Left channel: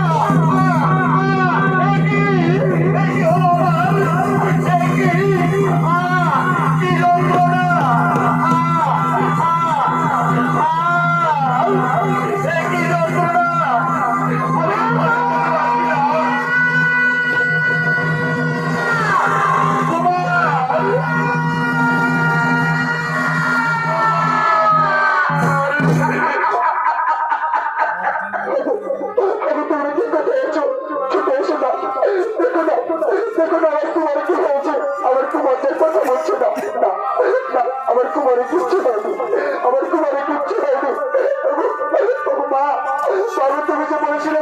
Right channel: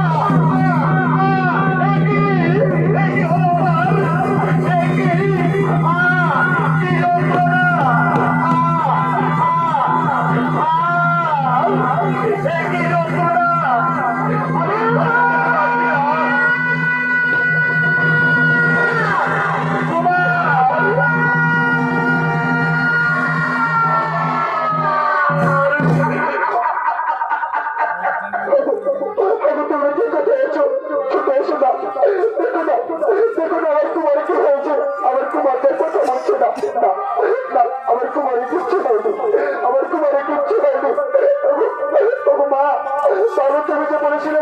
Oh! বাবু তুমি যে বলেছিলে